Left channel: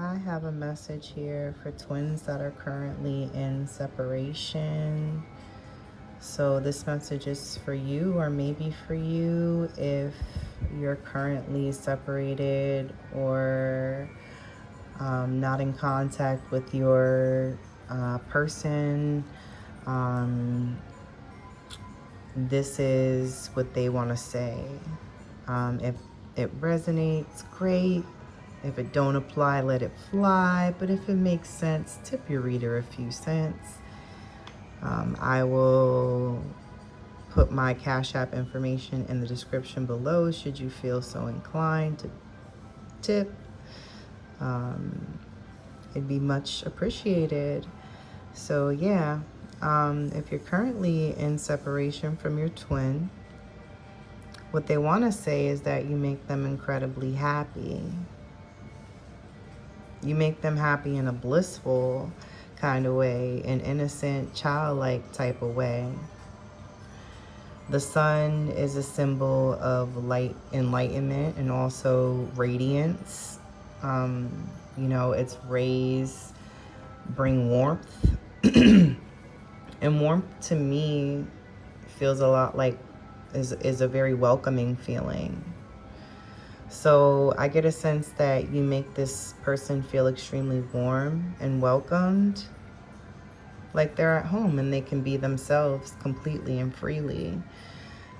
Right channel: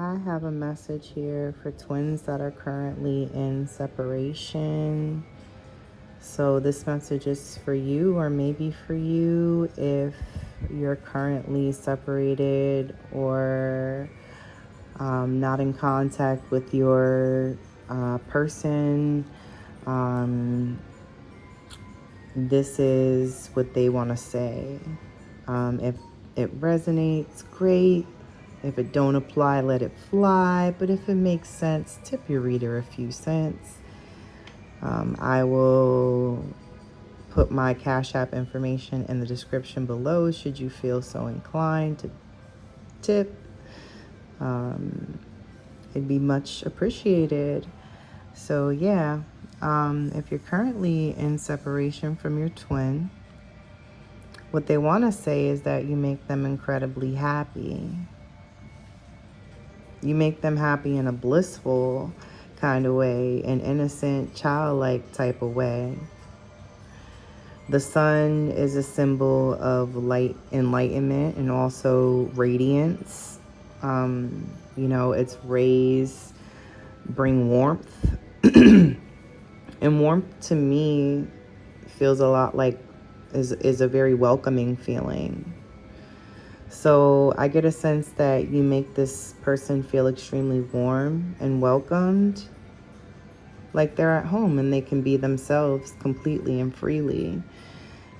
I have a message here for twins that are currently in separation. So this message is for you, or maybe for you if you're currently separated or not in contact with your person. This is what they want to say. If it resonates, great. If it don't apply, let it fly. But if it makes sense, tip your reader a few cents. I will put my Cash App information in the description below should you feel so inclined to tip. It'd be much appreciated. So yeah, if you're currently in separation from your twin, what they want to say is that you make them incredibly happy. You make them happy in a blissful kind of way, an innocent, childlike type of way. The sun is a symbol of light, enlightenment, and also radiance. Its rays bring warmth. And warmth to me feels a lot like is a very welcoming feeling. So I get a sense that you make this person feel extremely warm and welcomed, like they're at home and they can be themselves completely and freely.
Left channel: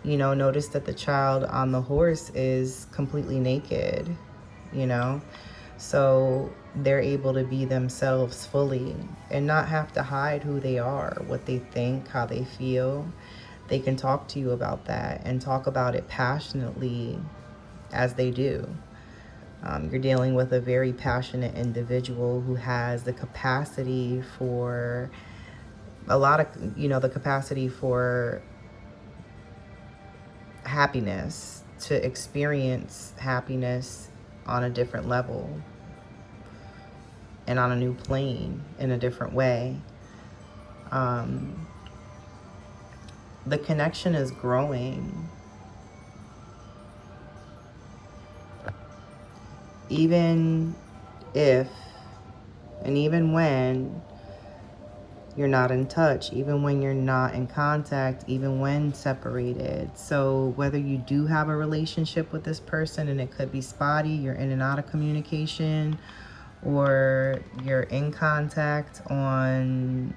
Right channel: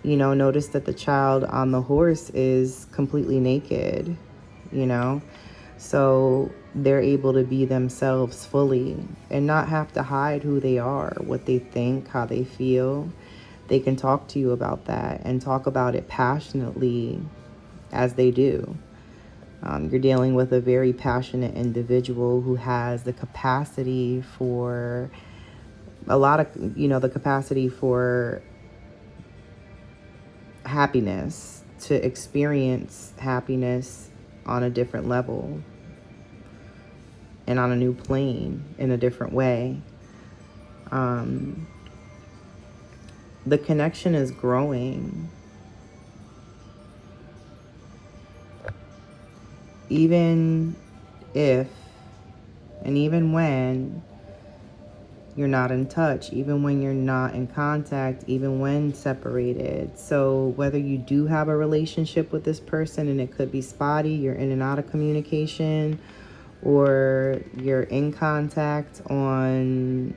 Notice that the child on the horse is completely naked, so they're able to be themselves fully and not have to hide who they are, what they think, how they feel. They can talk to you about that and talk about it passionately as they do. You're dealing with a very passionate individual who has the capacity for the capacity for happiness, to experience happiness on a different level and on a new plane in a different way. The connection is growing. Even if and even when you're not in touch, even when you're not in contact, even when separated. So whether you do have a relationship with this person and it could be spotty, you're in and out of communication, or you're in contact on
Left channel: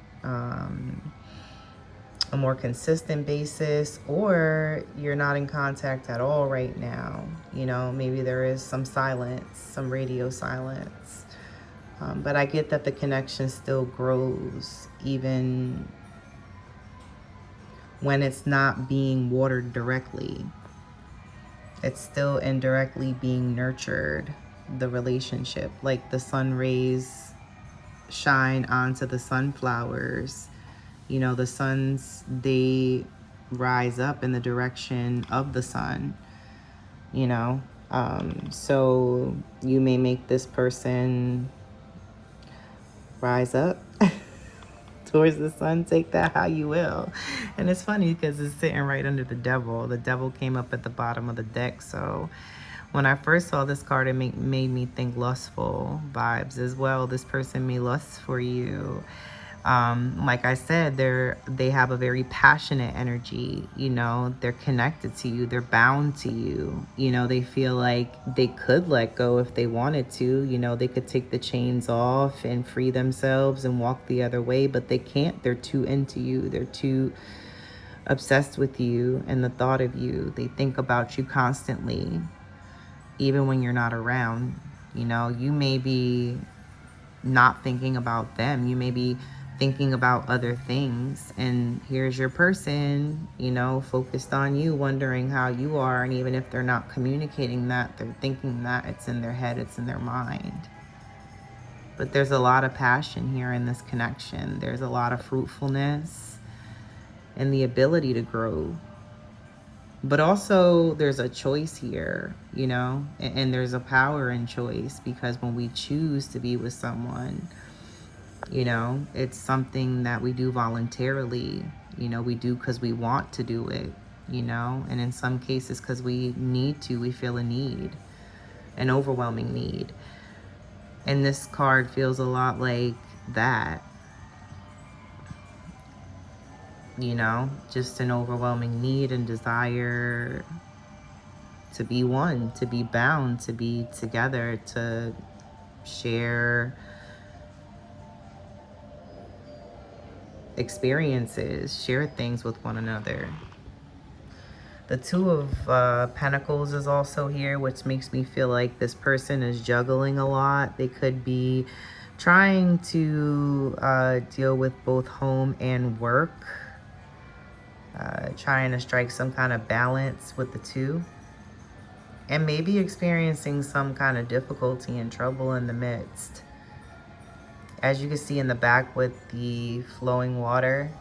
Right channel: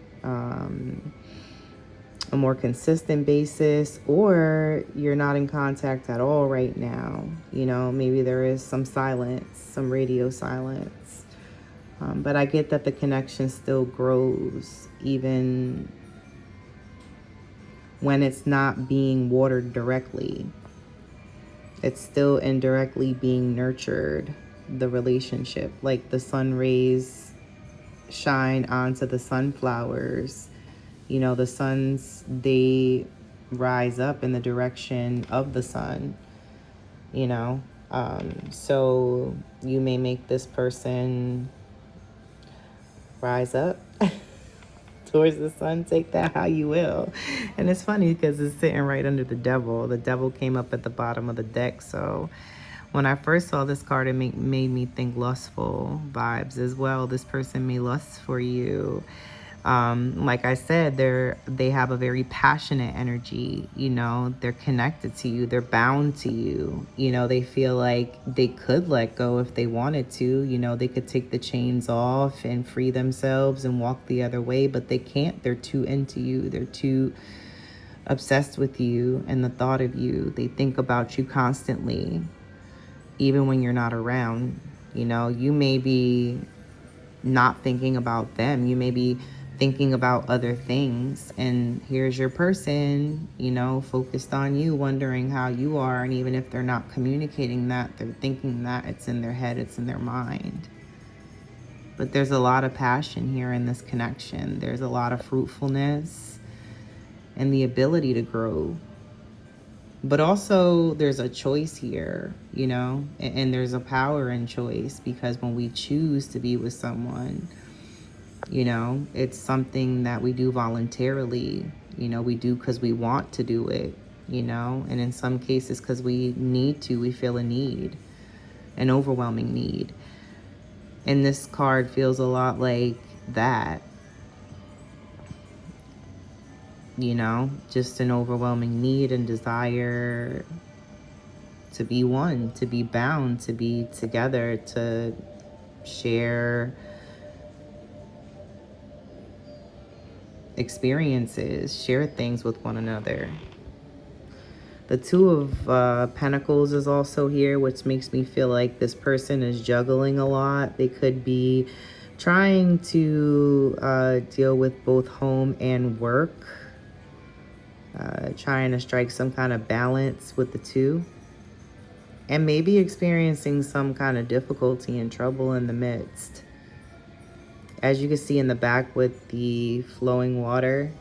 a more consistent basis, or you're not in contact at all right now. Maybe there is some silence, some radio silence. But I get that the connection still grows even when it's not being watered directly. It's still indirectly being nurtured, the relationship, like the sun rays shine onto the sunflowers. The suns, they rise up in the direction of the sun, so you may make this person rise up towards the sun. Take that how you will. And it's funny because it's sitting right under the devil. The devil came up at the bottom of the deck. So when I first saw this card, it made me think lustful vibes as well. This person may lust for you. Like I said, they have a very passionate energy. They're connected to you, they're bound to you. They feel like they could let go if they wanted to. They could take the chains off and free themselves and walk the other way, but they can't. They're too into you, they're too obsessed with you and the thought of you. They think about you constantly, even when you're not around. You may be not thinking about them, you may be thinking about other things, and here's your person, focused on you, wondering how you are. And even if they're not communicating that, they're thinking that. It's in their head, it's in their mind. But there's a lot of passion here in this connection. There's a lot of fruitfulness and the ability to grow. But also there's a choice here, and there's a power in choice, because when we choose to be with someone, it's something that we do voluntarily. We do because we want to do it, and in some cases because we need to. We feel a need, an overwhelming need. And this card feels a lot like that. You know, just an overwhelming need and desire to be one, to be bound, to be together, to share experiences, share things with one another. The Two of Pentacles is also here, which makes me feel like this person is juggling a lot. They could be trying to deal with both home and work, trying to strike some kind of balance with the two, and maybe experiencing some kind of difficulty and trouble in the midst. As you can see in the back with the flowing water,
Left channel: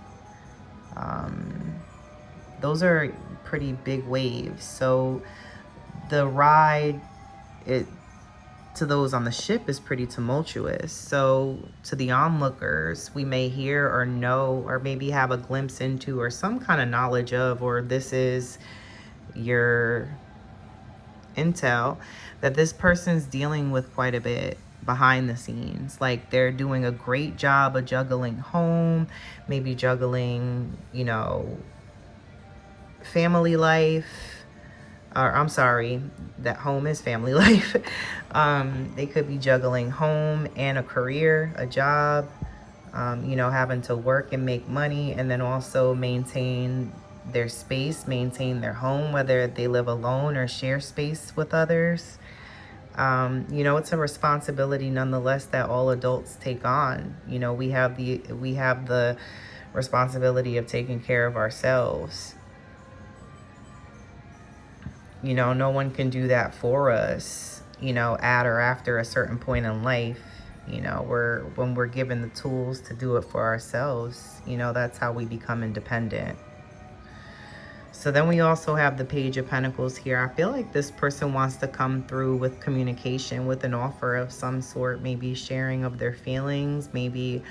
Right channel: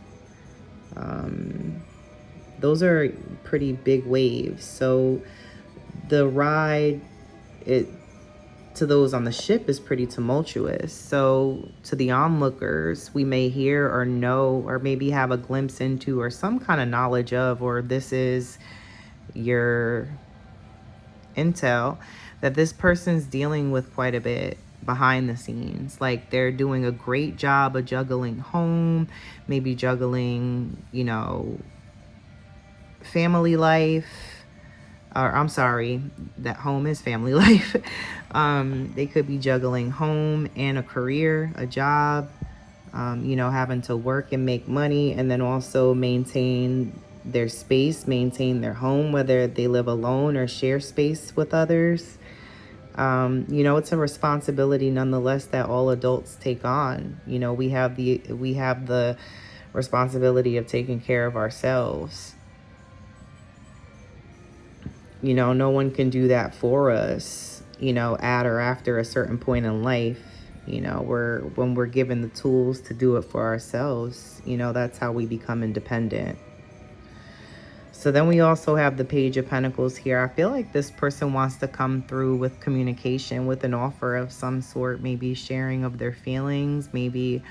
those are pretty big waves. So the ride, to those on the ship, is pretty tumultuous. So to the onlookers, we may hear or know or maybe have a glimpse into or some kind of knowledge of, or this is your intel, that this person's dealing with quite a bit behind the scenes. Like they're doing a great job of juggling home, maybe juggling, you know, family life, or I'm sorry, that home is family life. They could be juggling home and a career, a job, you know, having to work and make money, and then also maintain their space, maintain their home, whether they live alone or share space with others. You know, it's a responsibility nonetheless that all adults take on. You know, we have the responsibility of taking care of ourselves. You know, no one can do that for us, you know, at or after a certain point in life. You know, when we're given the tools to do it for ourselves, you know, that's how we become independent. So then we also have the Page of Pentacles here. I feel like this person wants to come through with communication, with an offer of some sort, maybe sharing of their feelings, maybe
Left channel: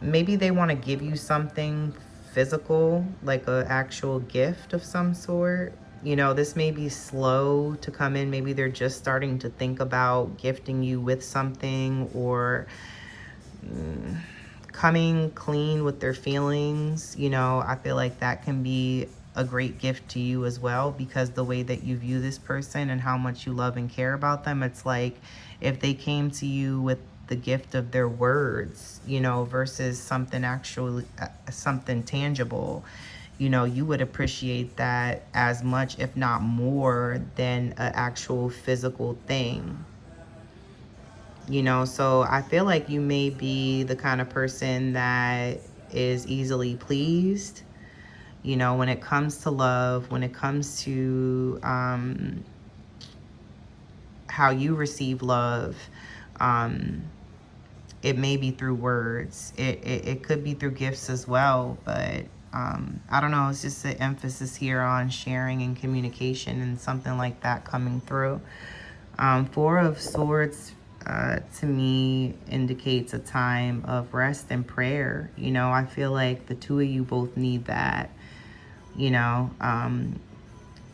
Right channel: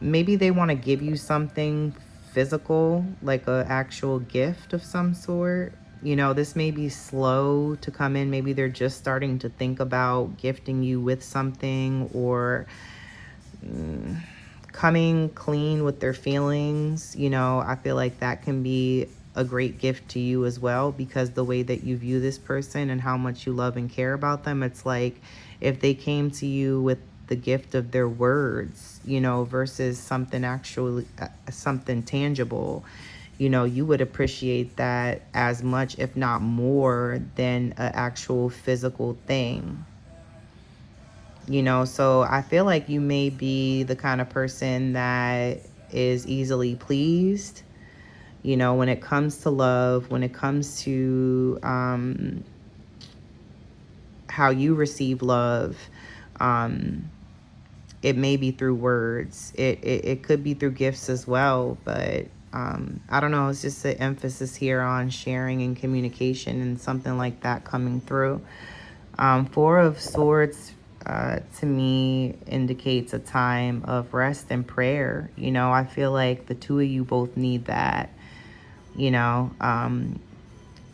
they want to give you something physical, like an actual gift of some sort. You know, this may be slow to come in. Maybe they're just starting to think about gifting you with something, or coming clean with their feelings. You know, I feel like that can be a great gift to you as well, because the way that you view this person and how much you love and care about them, it's like if they came to you with the gift of their words, you know, versus something actually, something tangible, you know, you would appreciate that as much, if not more, than an actual physical thing. You know, so I feel like you may be the kind of person that is easily pleased, you know, when it comes to love, when it comes to how you receive love. It may be through words. It could be through gifts as well, but I don't know. It's just an emphasis here on sharing and communication and something like that coming through. Four of Swords to me indicates a time of rest and prayer. You know, I feel like the two of you both need that. You know,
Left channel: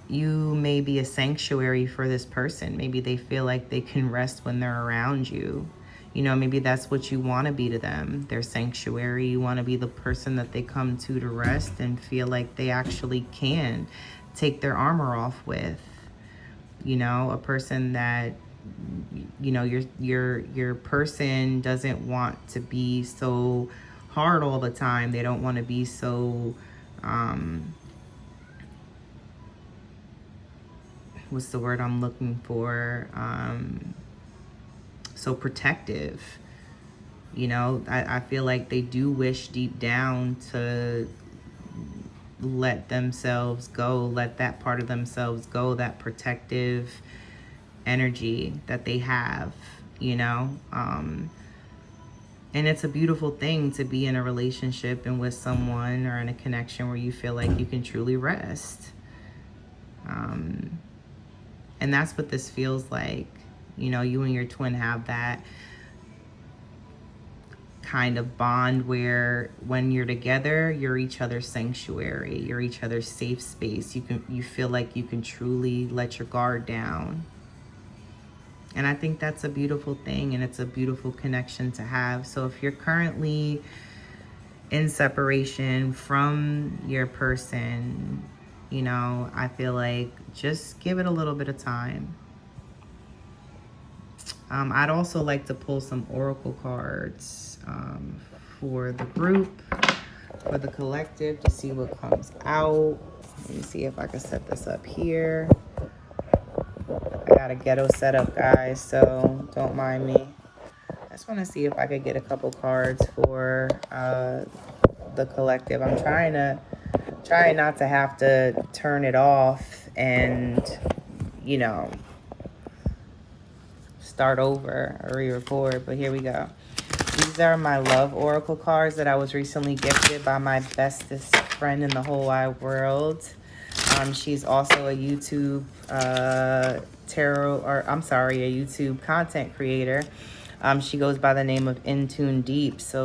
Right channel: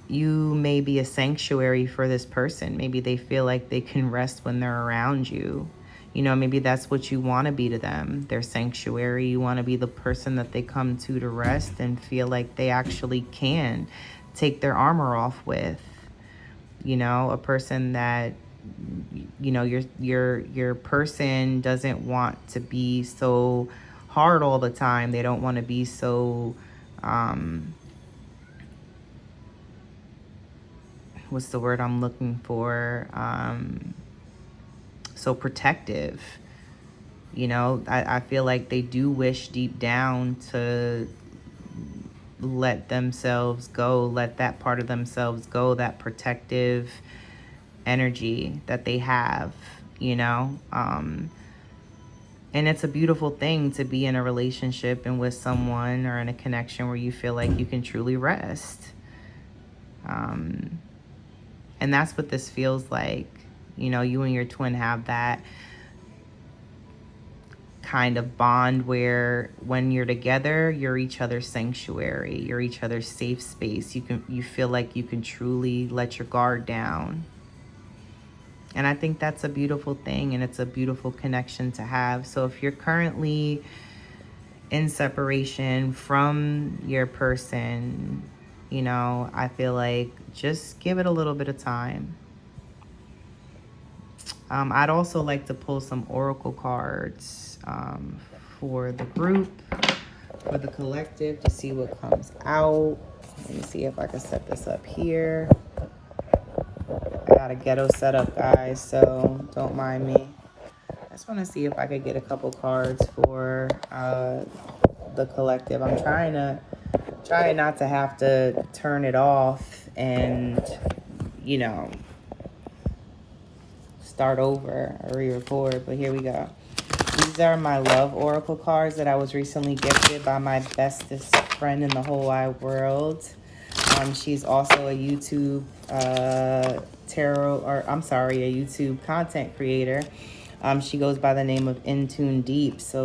you may be a sanctuary for this person. Maybe they feel like they can rest when they're around you. You know, maybe that's what you want to be to them, their sanctuary. You want to be the person that they come to rest and feel like they actually can take their armor off with. You know, a person that, you know, your person doesn't want to be so hard all the time. They don't want to be so what's the word I'm looking for? So protective. You know, I feel like they do wish deep down to let themselves go, let that part of themselves go, that protective energy that they have, you know. And it's a beautiful thing to be in a relationship and with someone, or in a connection where you feel like you can truly rest. And that's what this feels like. You know, you and your twin have that kind of bond where when you're together, you're each other's sanctuary, you're each other's safe space. You feel like you can truly let your guard down. And I think that's a beautiful thing, and it's a beautiful connection to have. So if you're currently in separation from your person, you know, I feel like just give it a little bit of time. I'd also like to pull some oracle cards for the group, for the collective, to see what comes out. Let me see if I can set this up here. I got a ghetto setup, guys, so don't mind me. I just want to see if I could get a couple cards for the collective. I'm trying not to have to turn it off and, you know, start over or re-record, but here we go. These are my love oracle cards that I was recently gifted by my bestest friend in the whole wide world. She's also a YouTube a YouTube content creator. She goes by the name of Intune Deep. So